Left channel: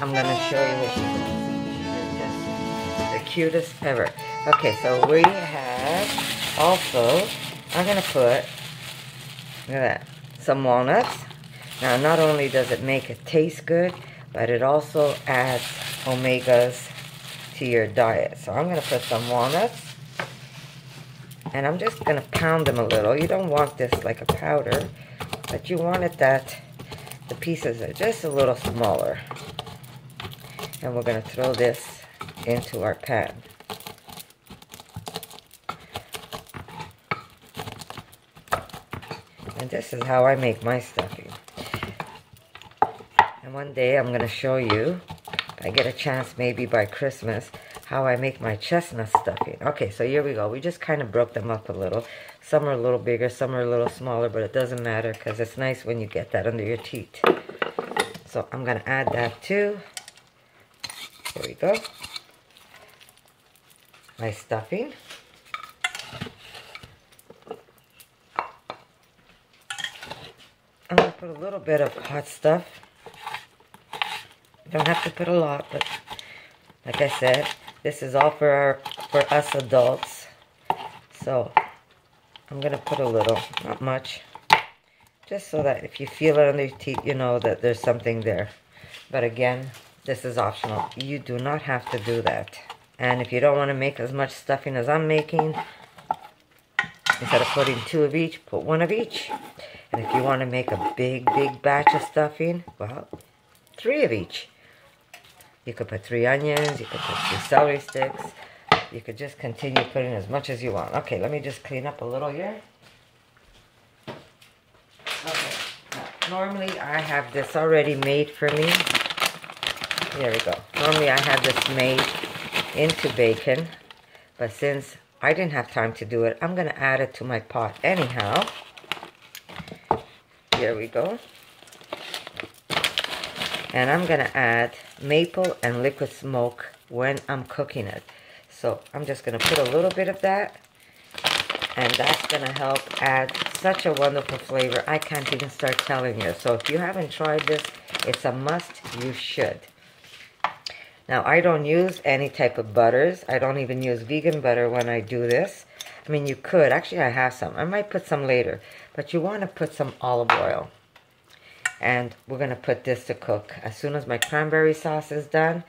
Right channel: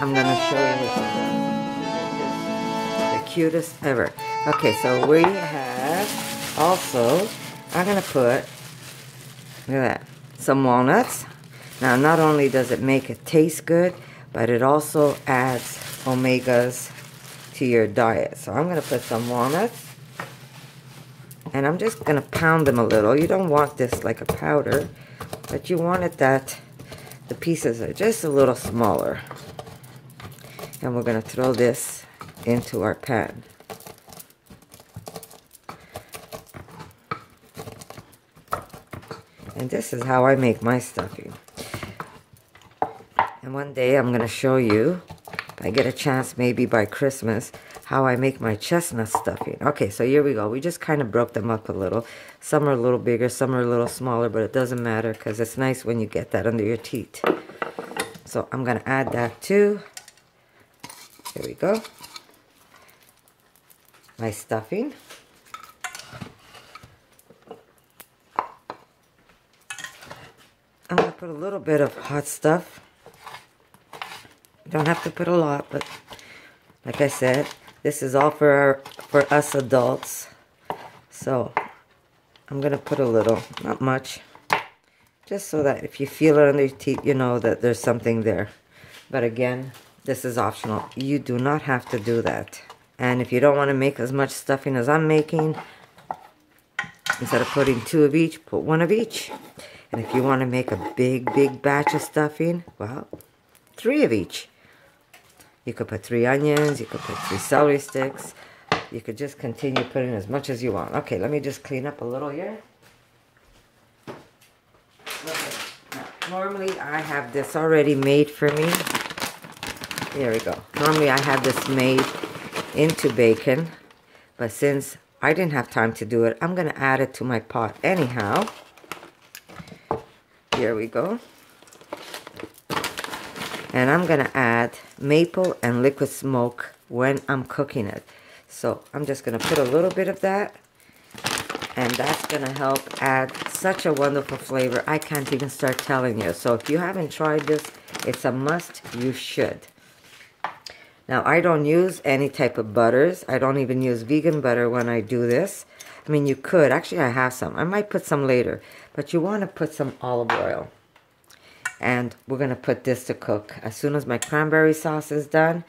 I'm going to show you. She's just the cutest ever. Okay, so we have also, I'm going to put, look at that, some walnuts. Now, not only does it make it taste good, but it also adds omegas to your diet. So I'm going to put some walnuts. And I'm just going to pound them a little. You don't want this like a powder, but you want it that the pieces are just a little smaller. And we're going to throw this into our pan. And this is how I make my stuffing. And one day I'm going to show you, if I get a chance maybe by Christmas, how I make my chestnut stuffing. Okay, so here we go. We just kind of broke them up a little. Some are a little bigger, some are a little smaller, but it doesn't matter because it's nice when you get that under your teeth. So I'm going to add that too. Here we go. My stuffing. I'm going to put a little bit of hot stuff. You don't have to put a lot, but like I said, this is all for us adults. So I'm going to put a little, not much, just so that if you feel it under your teeth, you know that there's something there. But again, this is optional. You do not have to do that. And if you don't want to make as much stuffing as I'm making, instead of putting 2 of each, put 1 of each. And if you want to make a big batch of stuffing, well, 3 of each. You could put 3 onions, you could put 3 celery sticks. You could just continue putting as much as you want. Okay, let me just clean up a little here. Okay, now, normally I have this already made for me. There we go. Normally I have this made into bacon, but since I didn't have time to do it, I'm going to add it to my pot anyhow. Here we go. And I'm going to add maple and liquid smoke when I'm cooking it. So I'm just going to put a little bit of that. And that's going to help add such a wonderful flavor. I can't even start telling you. So if you haven't tried this, it's a must. You should. Now, I don't use any type of butters. I don't even use vegan butter when I do this. I mean, you could. Actually, I have some. I might put some later. But you want to put some olive oil. And we're going to put this to cook as soon as my cranberry sauce is done.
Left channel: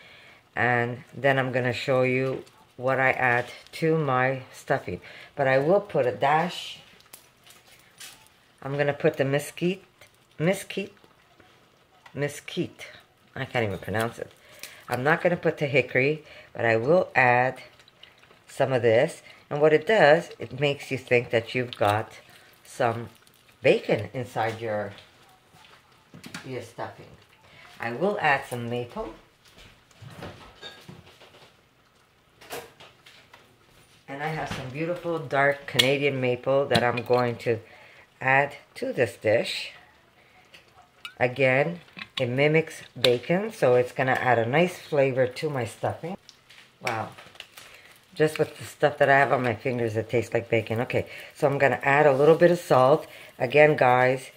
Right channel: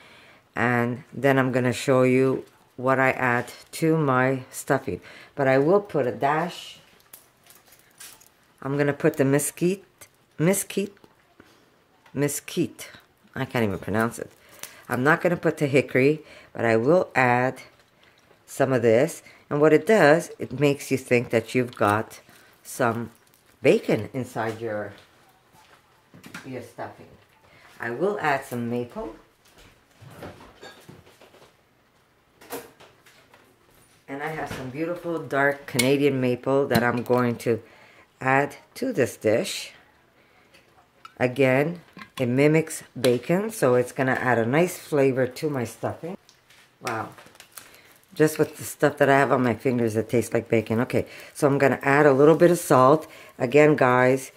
And then I'm going to show you what I add to my stuffing. But I will put a dash. I'm going to put the mesquite. I can't even pronounce it. I'm not going to put the hickory, but I will add some of this. And what it does, it makes you think that you've got some bacon inside your stuffing. I will add some maple. And I have some beautiful dark Canadian maple that I'm going to add to this dish. Again, it mimics bacon, so it's going to add a nice flavor to my stuffing. Wow. Just with the stuff that I have on my fingers, it tastes like bacon. Okay, so I'm going to add a little bit of salt. Again, guys,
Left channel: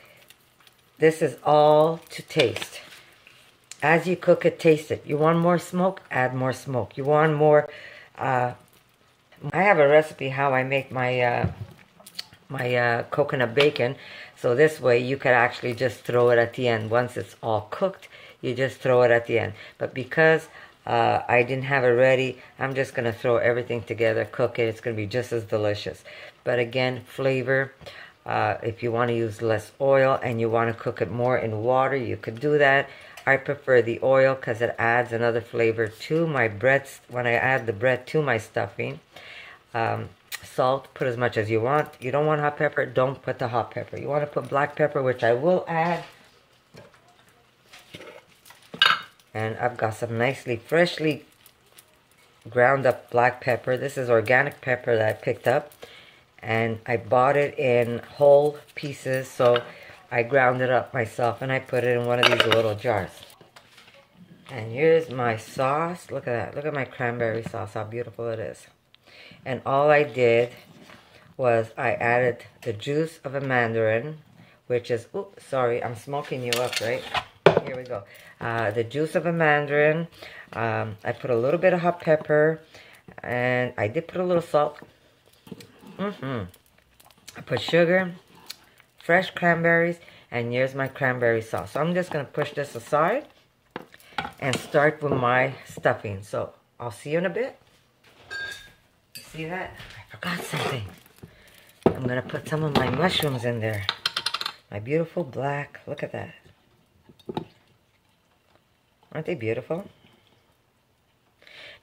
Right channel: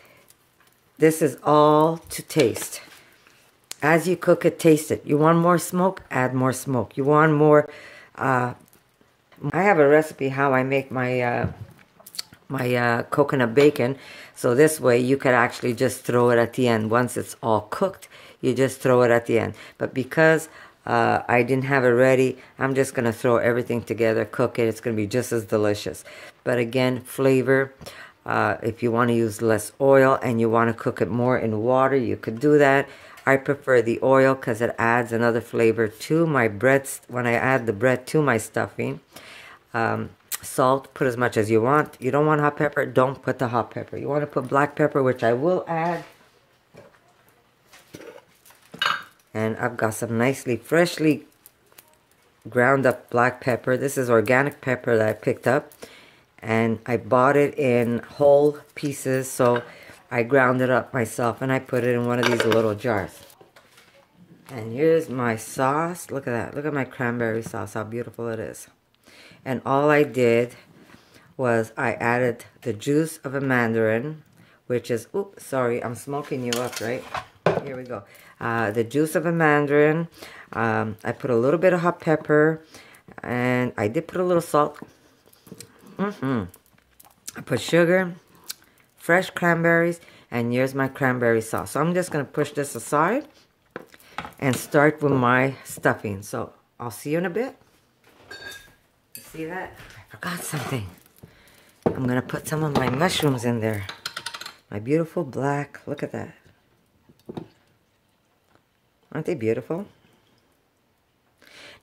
this is all to taste. As you cook it, taste it. You want more smoke? Add more smoke. You want more... I have a recipe how I make my coconut bacon. So this way you could actually just throw it at the end. Once it's all cooked, you just throw it at the end. But because I didn't have it ready, I'm just going to throw everything together, cook it. It's going to be just as delicious. But again, flavor. If you want to use less oil and you want to cook it more in water, you could do that. I prefer the oil because it adds another flavor to my bread when I add the bread to my stuffing. Salt, put as much as you want. You don't want hot pepper, don't put the hot pepper. You want to put black pepper, which I will add. And I've got some nicely, freshly ground up black pepper. This is organic pepper that I picked up. And I bought it in whole pieces, so I ground it up myself and I put it in one of these little jars. And here's my sauce. Look at that. Look at my cranberry sauce, how beautiful it is. And all I did was I added the juice of a mandarin, which is, oops, sorry, I'm smoking you up, right? Here we go. The juice of a mandarin. I put a little bit of hot pepper, and I did put a little salt. I put sugar, fresh cranberries, and here's my cranberry sauce. So I'm just going to push this aside and start with my stuffing. So I'll see you in a bit. See that? I forgot something. I'm going to put some of my mushrooms in there. My beautiful black. Look at that. Aren't they beautiful?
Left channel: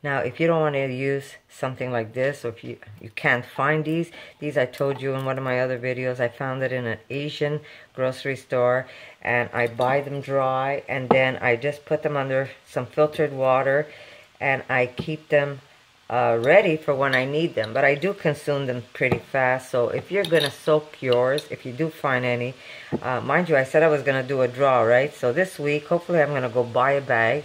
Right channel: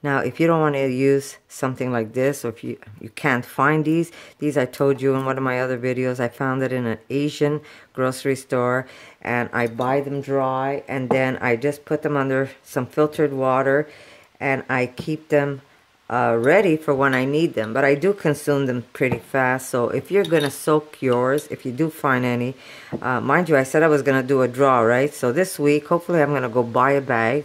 Now, if you don't want to use something like this, or if you can't find these I told you in one of my other videos, I found it in an Asian grocery store, and I buy them dry, and then I just put them under some filtered water, and I keep them ready for when I need them. But I do consume them pretty fast, so if you're going to soak yours, if you do find any, mind you, I said I was going to do a draw, right? So this week, hopefully I'm going to go buy a bag,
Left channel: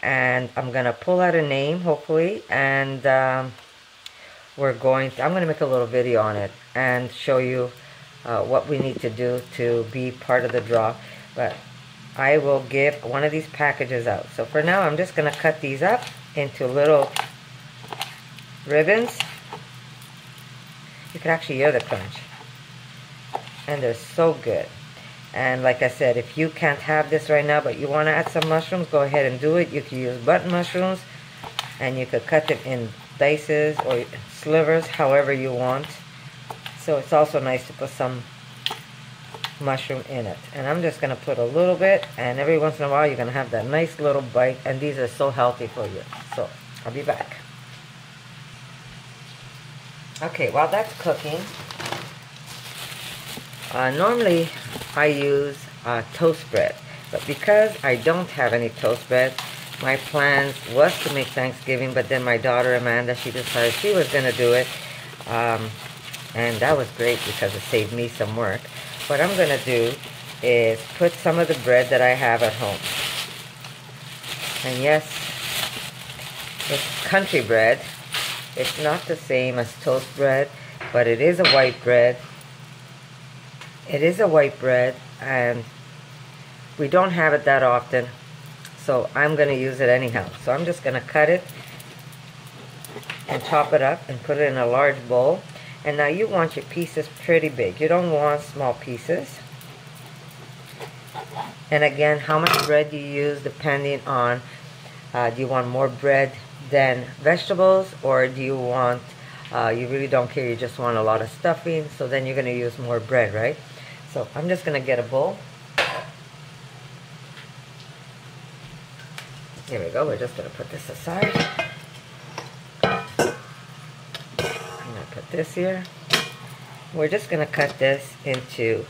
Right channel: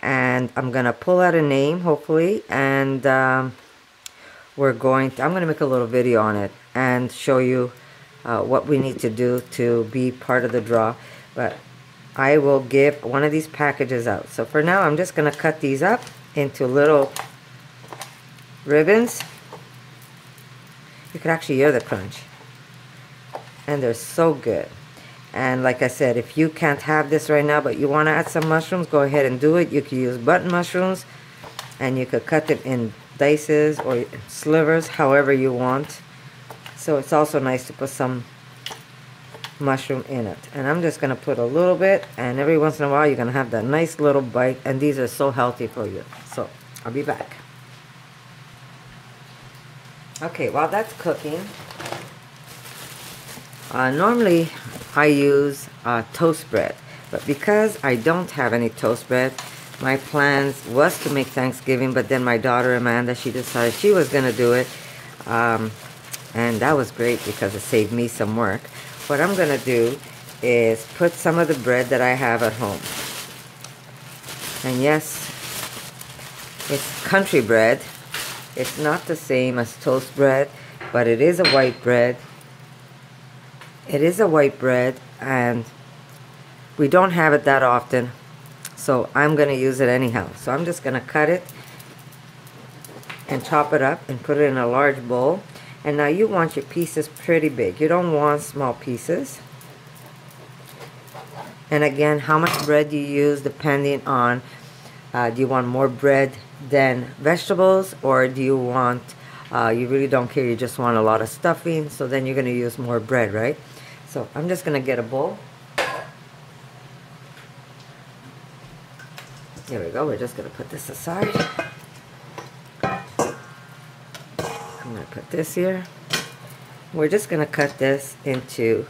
and I'm going to pull out a name, hopefully, and I'm going to make a little video on it and show you what we need to do to be part of the draw. But I will give one of these packages out. So for now, I'm just going to cut these up into little ribbons. You can actually hear the crunch. And they're so good. And like I said, if you can't have this right now, but you want to add some mushrooms, go ahead and do it. You can use button mushrooms, and you could cut them in dices or slivers, however you want. So it's also nice to put some mushroom in it. And I'm just going to put a little bit, and every once in a while you're going to have that nice little bite, and these are so healthy for you. So I'll be back. Okay, while that's cooking, normally I use toast bread, but because I don't have any toast bread, my plans was to make Thanksgiving, but then my daughter Amanda, she decided she was going to do it, and that was great because it saved me some work. What I'm going to do is put some of the bread that I have at home, and yes, it's country bread. It's not the same as toast bread, but it is a white bread. It is a white bread, and we don't have it that often, so I'm going to use it anyhow. So I'm just going to cut it and chop it up and put it in a large bowl. And now you want your pieces pretty big. You don't want small pieces. And again, how much bread you use depending on, do you want more bread than vegetables, or do you want, you really don't care, you just want a lot of stuffing, so then you're going to use more bread, right? So I'm just going to get a bowl. Here we go. We're just going to put this aside. I'm going to put this here. We're just going to cut this into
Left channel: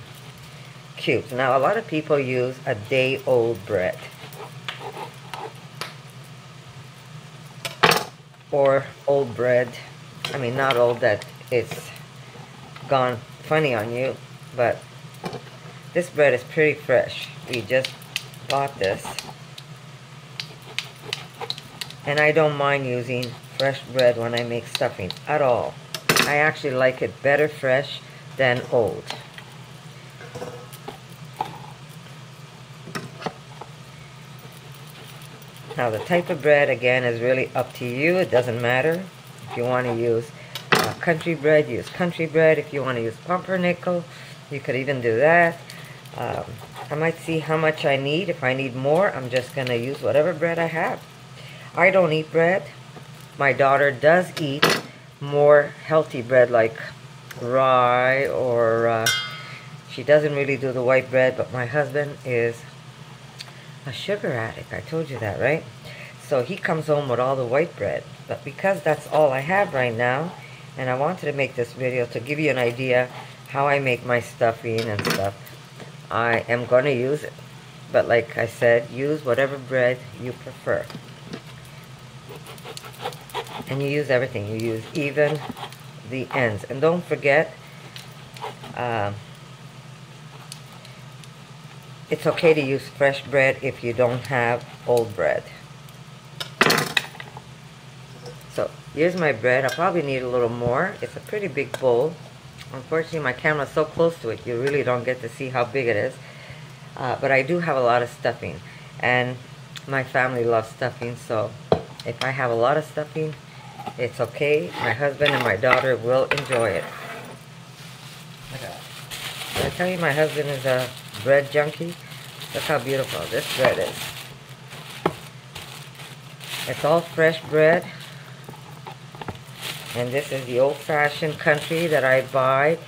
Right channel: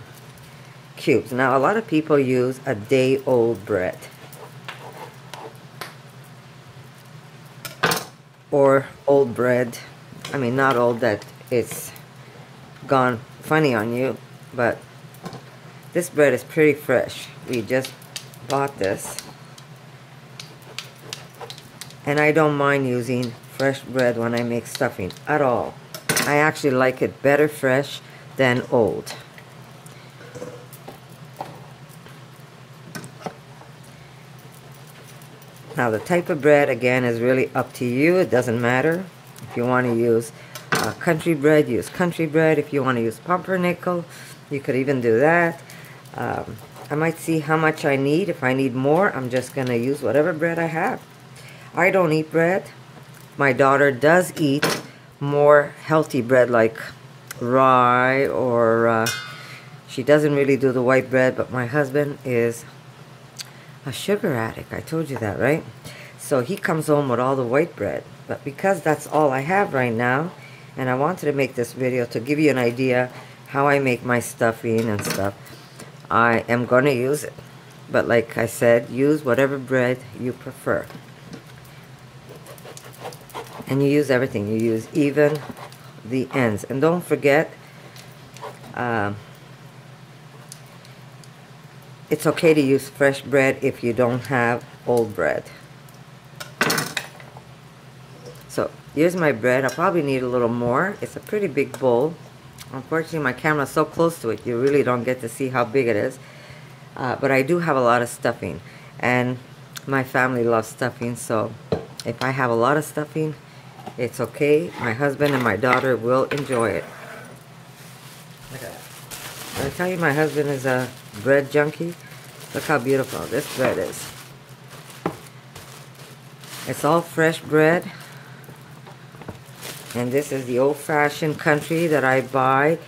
cubes. Now, a lot of people use a day-old bread, or old bread. I mean, not old that it's gone funny on you, but this bread is pretty fresh. We just bought this, and I don't mind using fresh bread when I make stuffing at all. I actually like it better fresh than old. Now the type of bread, again, is really up to you. It doesn't matter. If you want to use country bread, use country bread. If you want to use pumpernickel, you could even do that. I might see how much I need. If I need more, I'm just going to use whatever bread I have. I don't eat bread. My daughter does eat more healthy bread like rye, or she doesn't really do the white bread, but my husband is a sugar addict. I told you that, right? So he comes home with all the white bread. But because that's all I have right now, and I wanted to make this video to give you an idea how I make my stuffing and stuff, I am going to use it. But like I said, use whatever bread you prefer. And you use everything. You use even the ends. And don't forget, it's okay to use fresh bread if you don't have old bread. So here's my bread. I probably need a little more. It's a pretty big bowl. Unfortunately, my camera's so close to it, you really don't get to see how big it is. but I do have a lot of stuffing, and my family loves stuffing, so if I have a lot of stuffing, it's okay. My husband and my daughter will enjoy it. Did I tell you my husband is a bread junkie? Look how beautiful this bread is. It's all fresh bread. And this is the old-fashioned country that I buy.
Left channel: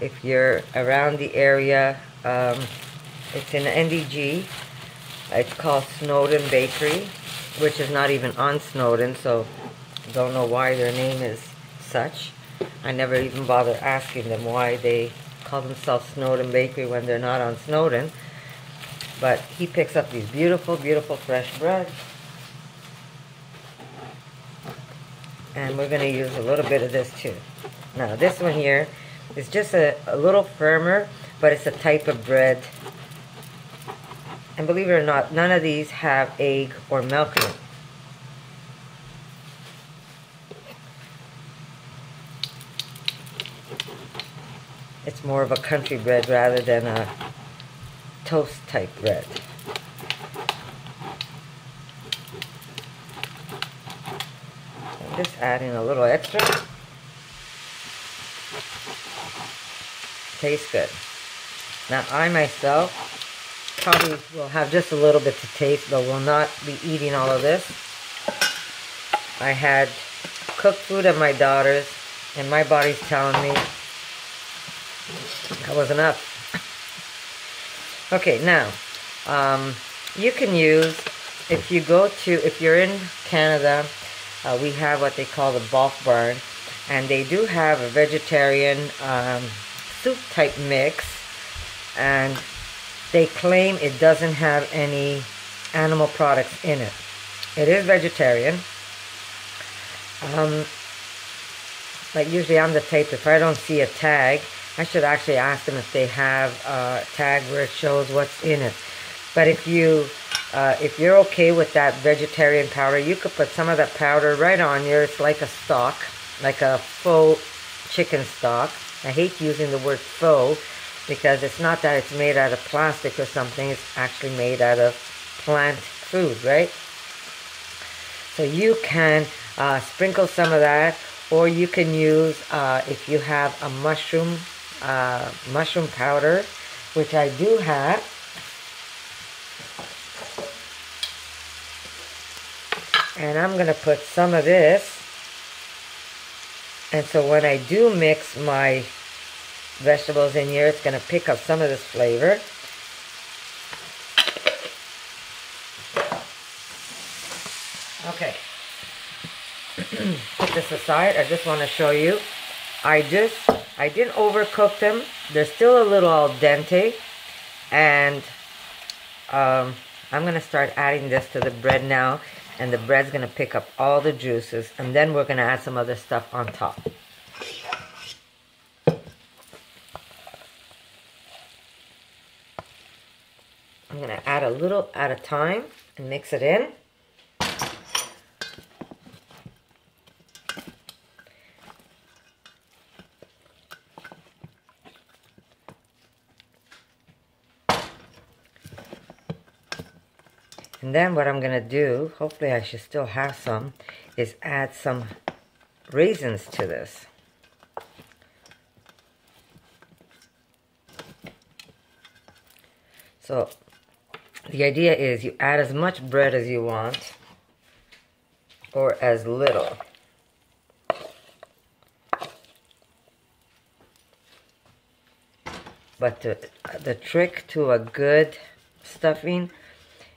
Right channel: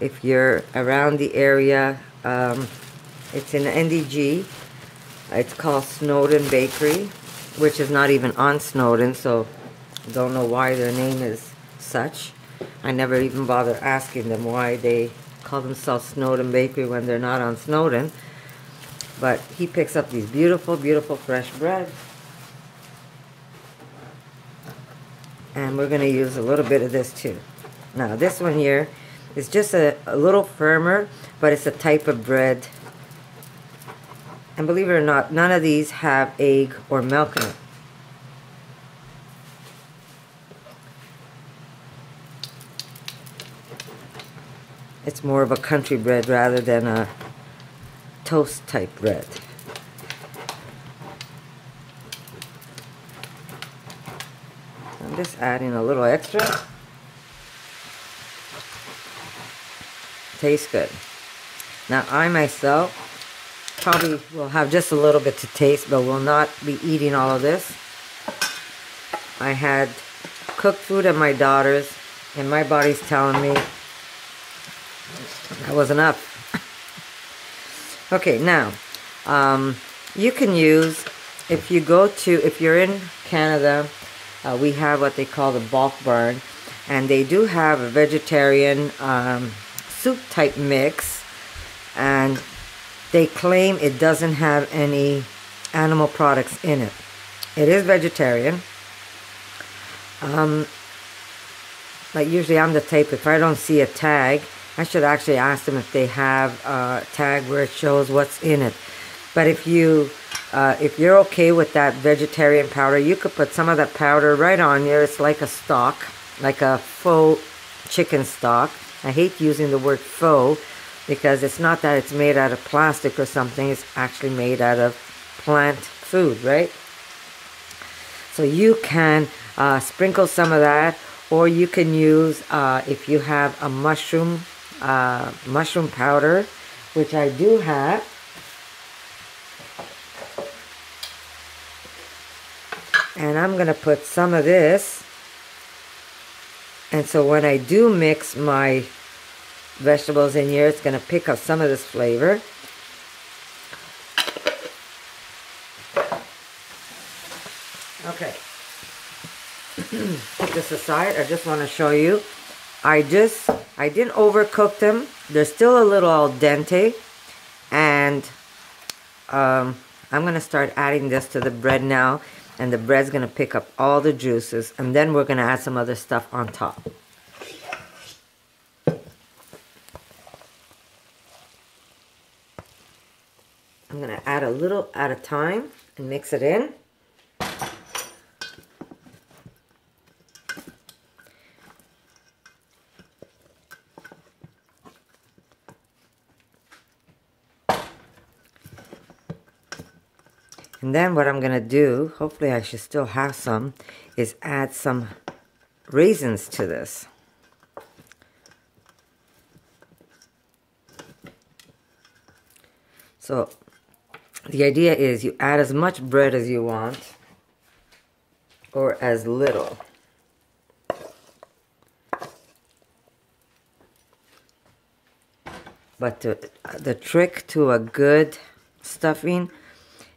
If you're around the area, it's in NDG. It's called Snowden Bakery, which is not even on Snowden, so don't know why their name is such. I never even bother asking them why they call themselves Snowden Bakery when they're not on Snowden. But he picks up these beautiful, beautiful fresh bread. And we're going to use a little bit of this too. Now this one here is just a little firmer, but it's a type of bread. And believe it or not, none of these have egg or milk in it. It's more of a country bread rather than a toast type bread. I'm just adding a little extra. Tastes good. Now I myself probably will have just a little bit to taste, but will not be eating all of this. I had cooked food at my daughter's, and my body's telling me that was enough. Okay, now you can use, if you're in Canada, we have what they call the bulk barn, and they do have a vegetarian soup type mix, and they claim it doesn't have any animal products in it. It is vegetarian, but usually I'm the type, if I don't see a tag, I should actually ask them if they have a tag where it shows what's in it. But if you're okay with that vegetarian powder, you could put some of that powder right on here. It's like a stock, like a faux chicken stock. I hate using the word faux because it's not that it's made out of plastic or something. It's actually made out of plant food, right? So you can sprinkle some of that, or you can use, if you have a mushroom powder, which I do have. And I'm going to put some of this. And so when I do mix my vegetables in here, it's going to pick up some of this flavor. Okay. Put this aside. I just want to show you. I didn't overcook them. They're still a little al dente. And I'm going to start adding this to the bread now. And the bread's going to pick up all the juices. And then we're going to add some other stuff on top. I'm going to add a little at a time and mix it in. And then what I'm going to do, hopefully I should still have some, is add some raisins to this. So the idea is you add as much bread as you want, or as little. But the trick to a good stuffing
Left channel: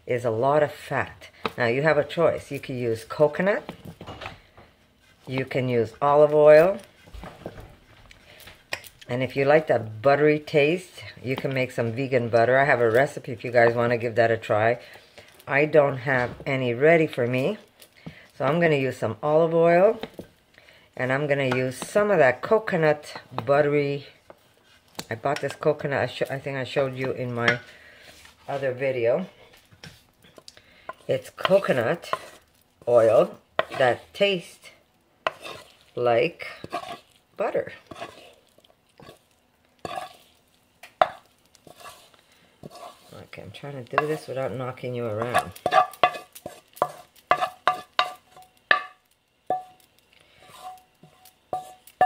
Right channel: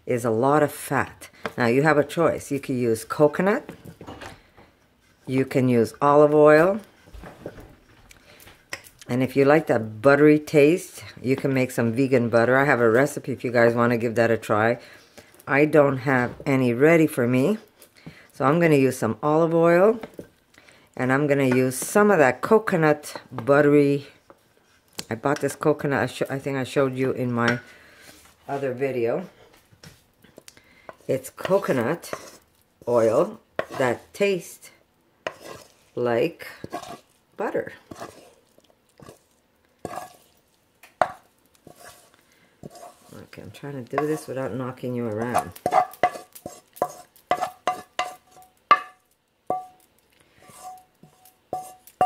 is a lot of fat. Now you have a choice. You can use coconut, you can use olive oil, and if you like that buttery taste, you can make some vegan butter. I have a recipe if you guys want to give that a try. I don't have any ready for me, so I'm going to use some olive oil, and I'm going to use some of that coconut buttery. I bought this coconut, I think I showed you in my other video. It's coconut oil that tastes like butter. Okay, I'm trying to do this without knocking you around.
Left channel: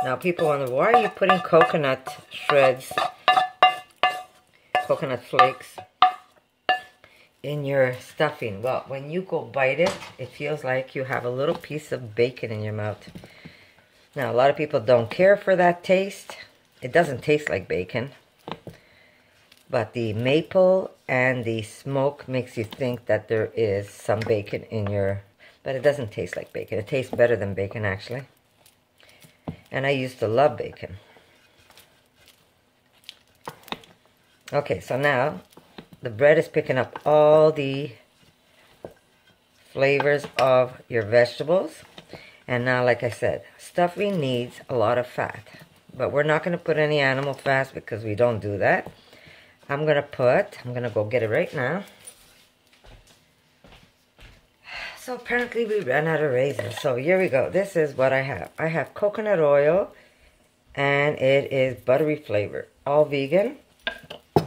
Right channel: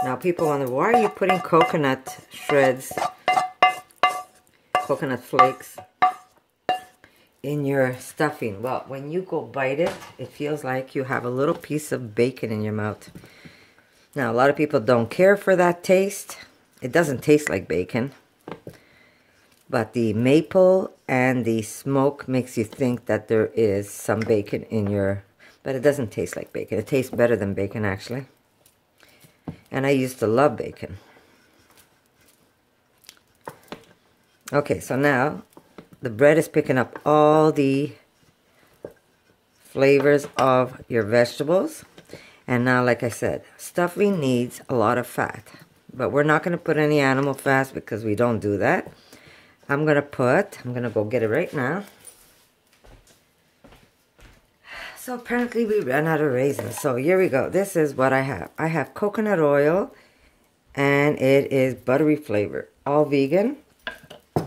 Now people wonder, why are you putting coconut shreds, coconut flakes in your stuffing? Well, when you go bite it, it feels like you have a little piece of bacon in your mouth. Now, a lot of people don't care for that taste. It doesn't taste like bacon. But the maple and the smoke makes you think that there is some bacon in your... But it doesn't taste like bacon. It tastes better than bacon, actually. And I used to love bacon. Okay, so now the bread is picking up all the flavors of your vegetables. And now, like I said, stuffing needs a lot of fat. But we're not going to put any animal fat because we don't do that. I'm going to go get it right now. So apparently we ran out of raisins. So here we go. This is what I have. I have coconut oil and it is buttery flavor. All vegan. I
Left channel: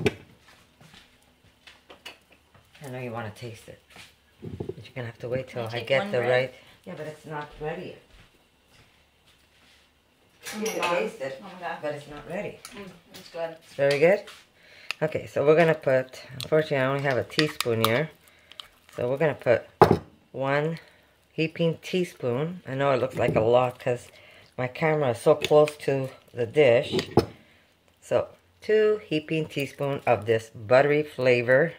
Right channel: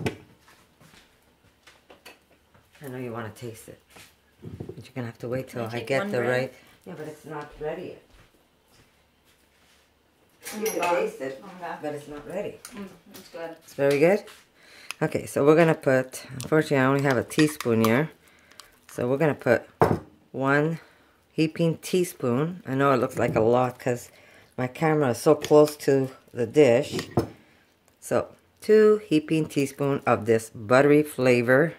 know you want to taste it. But you're going to have to wait till I get the right... Yeah, but it's not ready yet. You can taste it, but it's not ready. It's good. It's very good? Okay, so we're going to put... Unfortunately, I only have a teaspoon here. So we're going to put 1 heaping teaspoon. I know it looks like a lot because my camera is so close to the dish. So 2 heaping teaspoon of this buttery flavor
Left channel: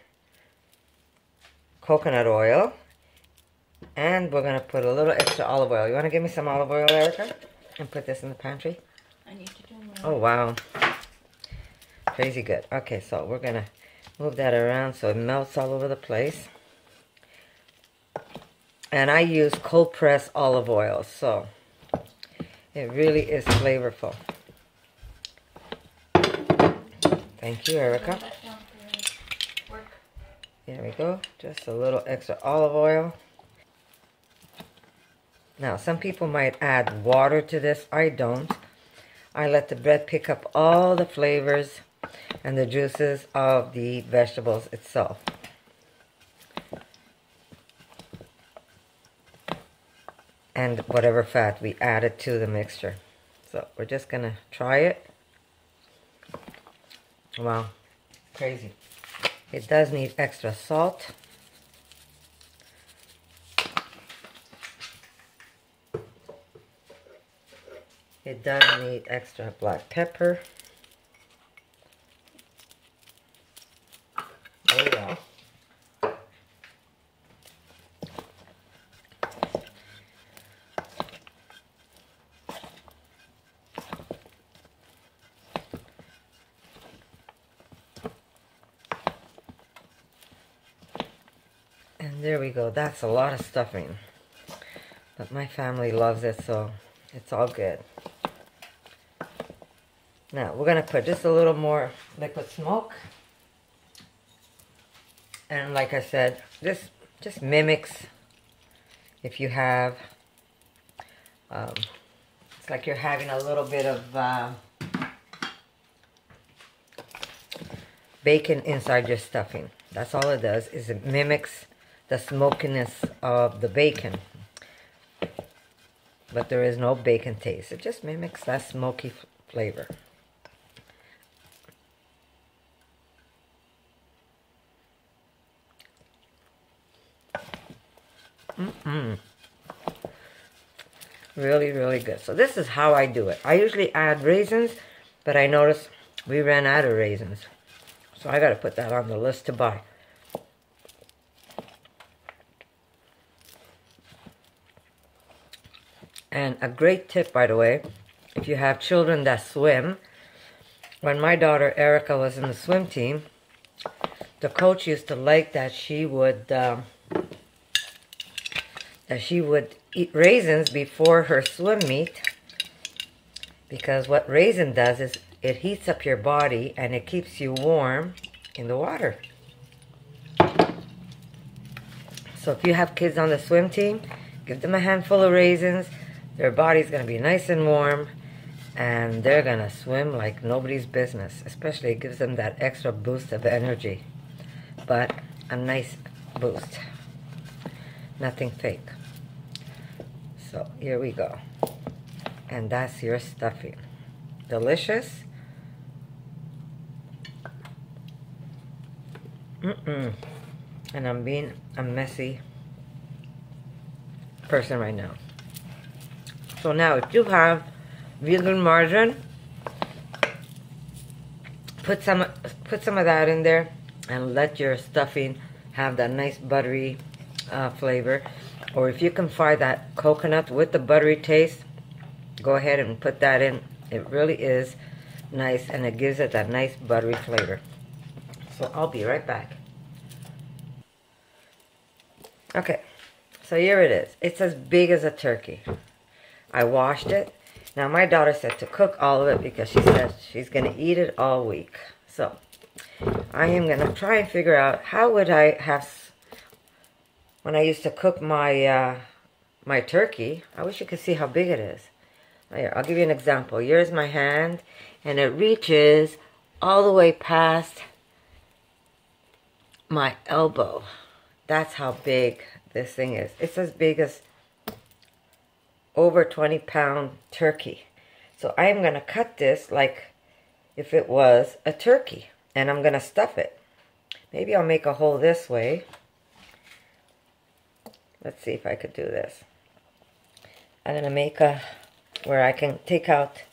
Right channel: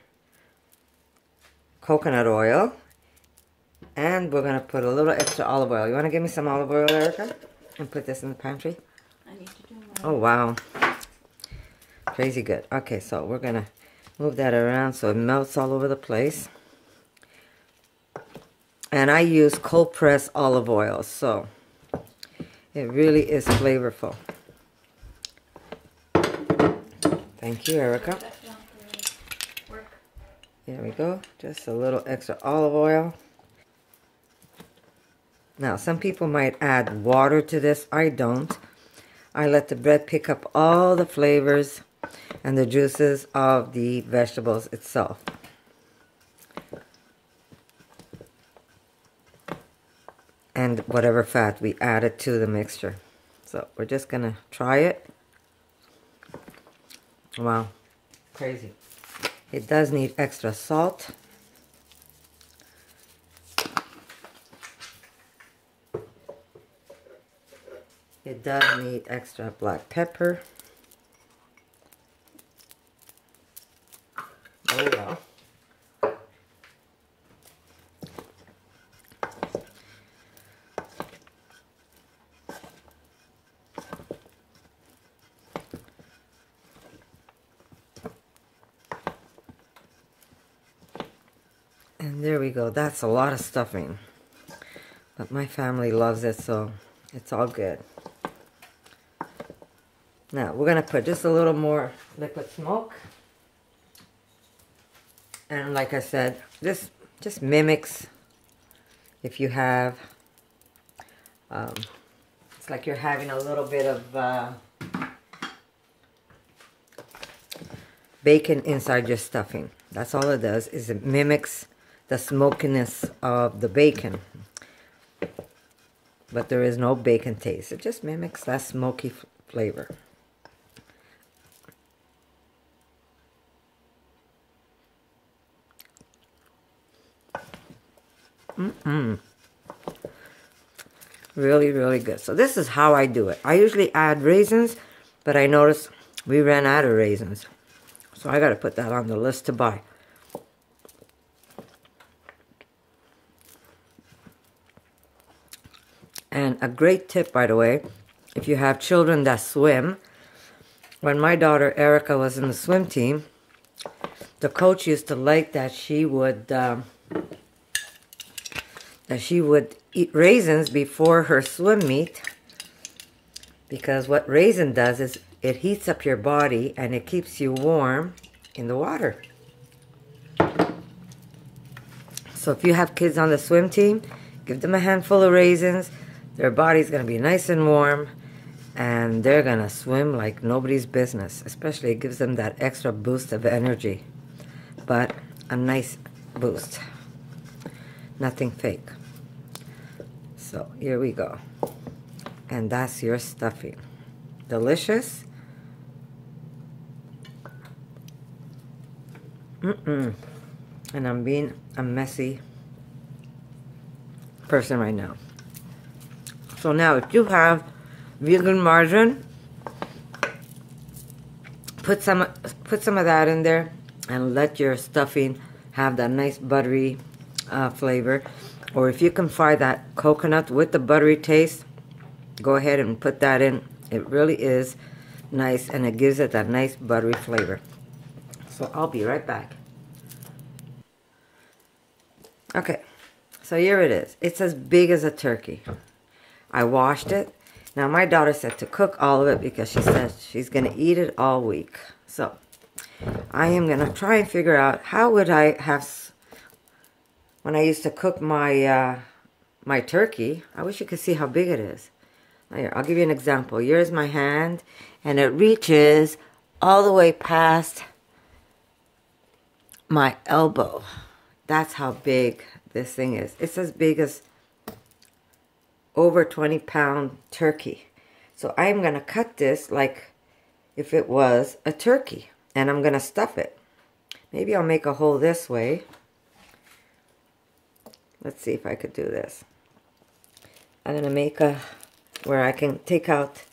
coconut oil. And we're going to put a little extra olive oil. You want to give me some olive oil, Erica? And put this in the pantry? I need to do that. Oh, wow. Crazy good. Okay, so we're going to move that around so it melts all over the place. And I use cold pressed olive oil, so it really is flavorful. Thank you, Erica. There we go. Just a little extra olive oil. Now, some people might add water to this. I don't. I let the bread pick up all the flavors and the juices of the vegetables itself. And whatever fat we added to the mixture. So we're just going to try it. Wow, crazy. It does need extra salt. It does need extra black pepper. Oh, wow. And there we go. That's a lot of stuffing. But my family loves it, so it's all good. Now, we're going to put just a little more liquid smoke. And like I said, this just mimics if you have, it's like you're having a little bit of bacon inside your stuffing. That's all it does, is it mimics the smokiness of the bacon. But there is no bacon taste. It just mimics that smoky flavor. Really, really good. So this is how I do it. I usually add raisins, but I noticed we ran out of raisins. So I got to put that on the list to buy. And a great tip, by the way, if you have children that swim. When my daughter Erica was in the swim team, the coach used to like that she would eat raisins before her swim meet, because what raisin does is it heats up your body and it keeps you warm in the water. So if you have kids on the swim team, give them a handful of raisins. Their body's going to be nice and warm, and they're going to swim like nobody's business. Especially it gives them that extra boost of energy. but a nice boost. Nothing fake. So here we go. And that's your stuffing. Delicious. And I'm being a messy person right now. So now if you have vegan margarine, put some of that in there and let your stuffing have that nice buttery flavor. Or if you can find that coconut with the buttery taste, go ahead and put that in. It really is nice, and it gives it that nice buttery flavor. So I'll be right back. Okay, so here it is. It's as big as a turkey. I washed it. Now my daughter said to cook all of it because she said she's going to eat it all week. So I am going to try and figure out how would I have, when I used to cook my my turkey. I wish you could see how big it is. Here, I'll give you an example. Here's my hand, and it reaches all the way past my elbow. That's how big this thing is. It's as big as over 20-pound turkey. So I'm going to cut this like if it was a turkey, and I'm going to stuff it. Maybe I'll make a hole this way. Let's see if I could do this. I'm going to make a where I can take out,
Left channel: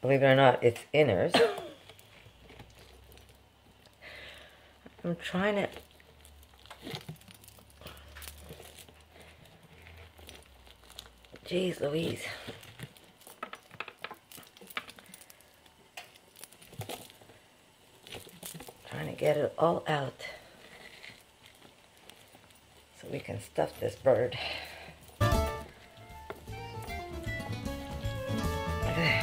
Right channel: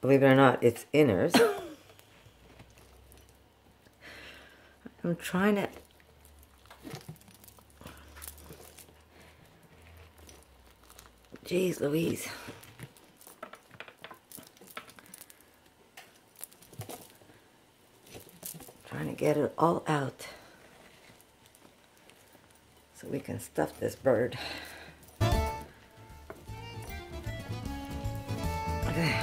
believe it or not, its inners. I'm trying to... Jeez Louise. Trying to get it all out so we can stuff this bird. Okay.